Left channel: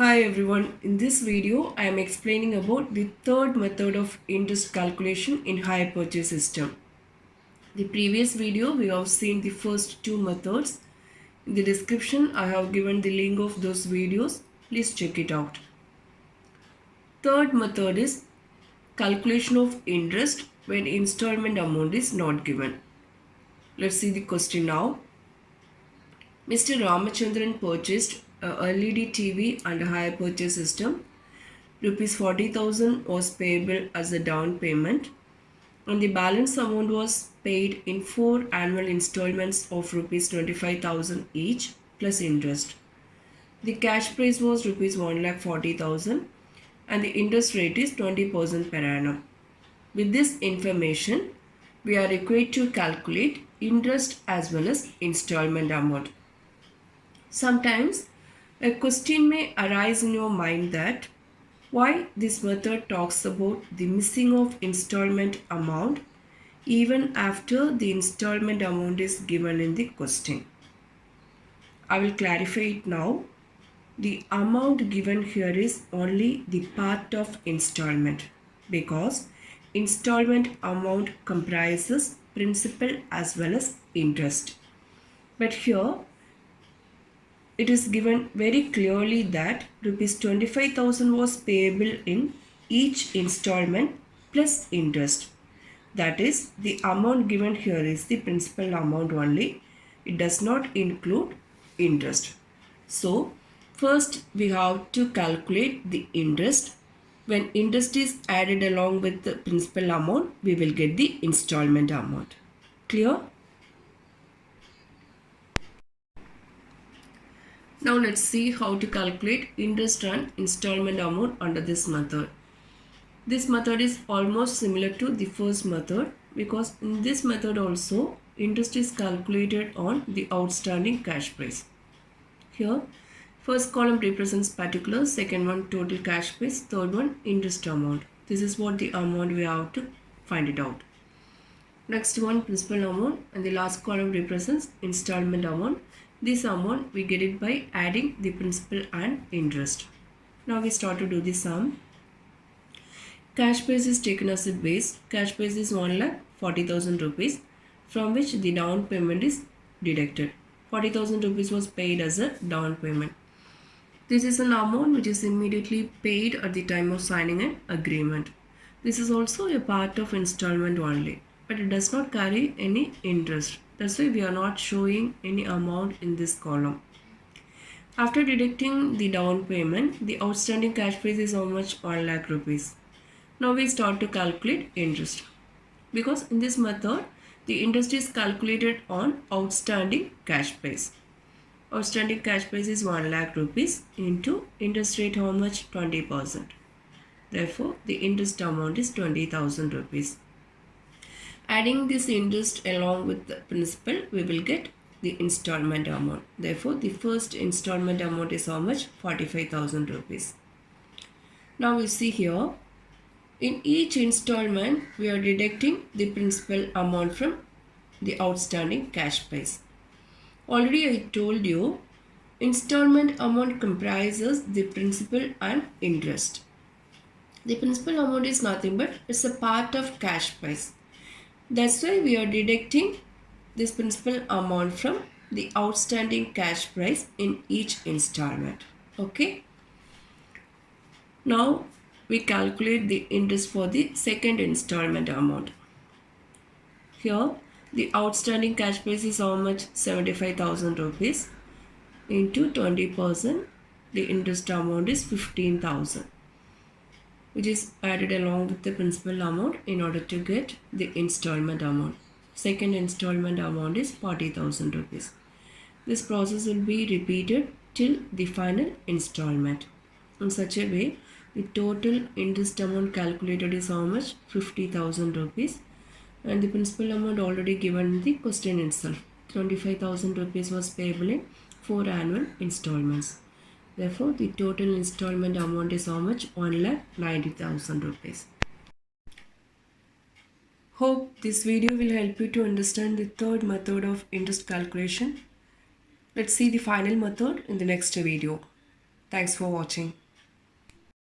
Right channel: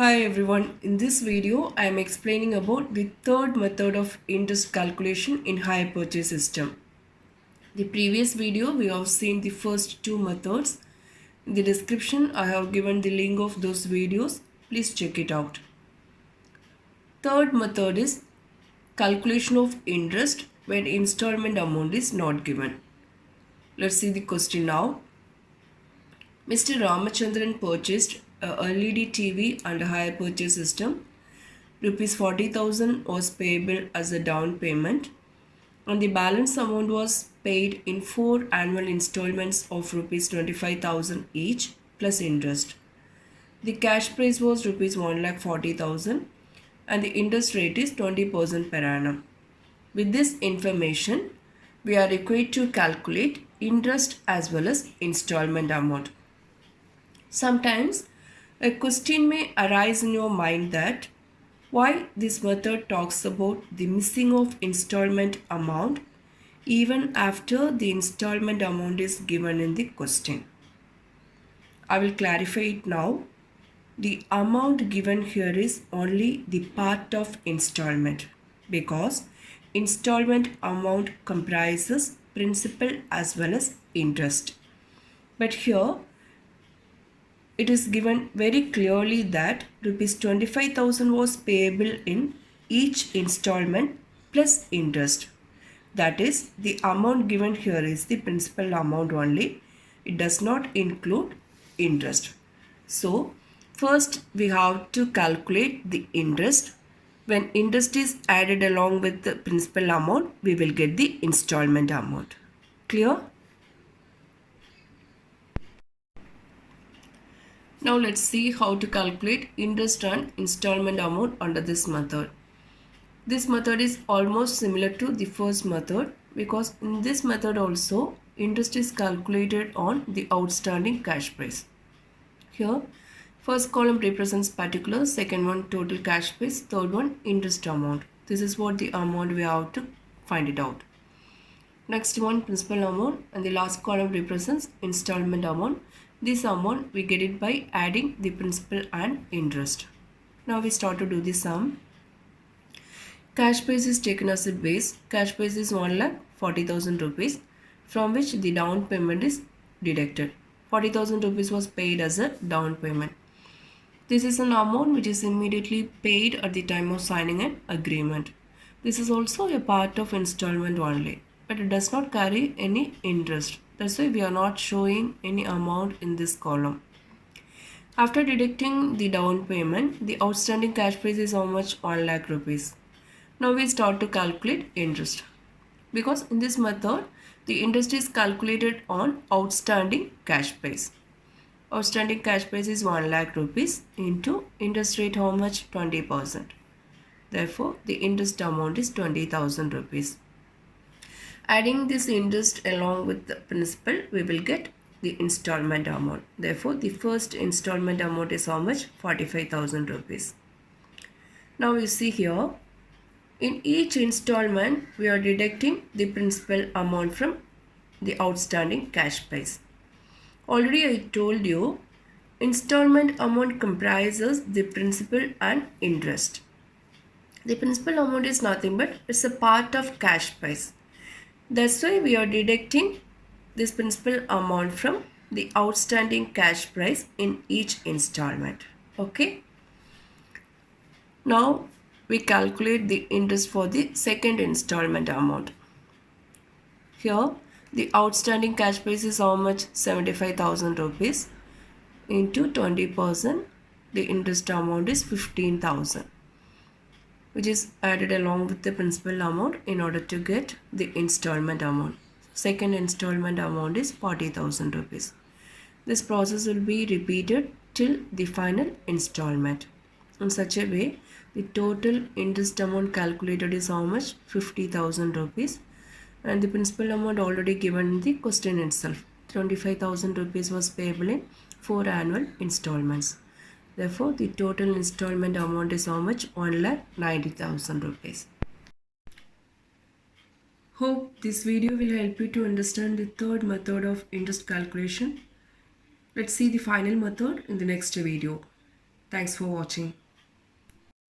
Hi everyone, in this video I am explaining about the third method of interest calculation in hire purchase system. The previous video we have seen the first two methods. In the description I have given the link of those videos. Please check it out. Third method is calculation of interest when installment amount is not given. Let's see the question now. Mr. Ramachandran purchased a LED TV under hire purchase system. Rupees 40,000 was payable as a down payment and the balance amount was paid in 4 annual installments of rupees 25,000 each plus interest. The cash price was rupees 1,40,000 and the interest rate is 20% per annum. With this information, we are required to calculate interest as well as installment amount. Sometimes a question may arise in your mind that why this method talks about the missing of installment amount even after the installment amount is given in the question. I will clarify it now. The amount given here is only the part of installment because installment amount comprises principal as well as interest. But here it is given very clearly that rupees 25,000 was payable in each installment plus interest. That is, the amount given here is the principal amount only. It does not include interest. So, first we have to calculate the interest. When interest is added along with the principal amount, we will get the installment amount. Clear? Now let's see how to calculate interest and installment amount under this method. This method is almost similar to the first method because in this method also interest is calculated on the outstanding cash price. Here first column represents particulars, second one total cash price, third one interest amount. This is what the amount we have to find it out. Next one principal amount and the last column represents installment amount. This amount we get it by adding the principal and interest. Now we start to do the sum. Cash price is taken as a base. Cash price is 1,40,000 rupees from which the down payment is deducted. 40,000 rupees was paid as a down payment. This is an amount which is immediately paid at the time of signing an agreement. This is also a part of installment only, but it does not carry any interest. That's why we are not showing any amount in this column. After deducting the down payment, the outstanding cash price is how much? 1 lakh rupees. Now we start to calculate interest. Because in this method, the interest is calculated on outstanding cash price. Outstanding cash price is 1 lakh rupees into interest rate how much? 20%. Therefore, the interest amount is 20,000 rupees. Adding this interest along with the principal, we will get the installment amount. Therefore, the first installment amount is how much? 45,000 rupees. Now you see here, in each installment, we are deducting the principal amount from the outstanding cash price. Already I told you, installment amount comprises the principal and interest. The principal amount is nothing but it's a part of cash price. That's why we are deducting this principal amount from the outstanding cash price in each installment. Okay. Now we calculate the interest for the second installment amount. Here the outstanding cash price is how much? 75,000 rupees into 20%. The interest amount is 15,000. Which is added along with the principal amount in order to get the installment amount. Second installment amount is 40,000 rupees. This process will be repeated till the final installment. In such a way, the total interest amount calculated is how much? 50,000 rupees. And the principal amount already given in the question itself. 25,000 rupees was payable in 4 annual installments. Therefore, the total installment amount is how much? 1,90,000 rupees. Hope this video will help you to understand the third method of interest calculation. Let's see the final method in the next video. Thanks for watching.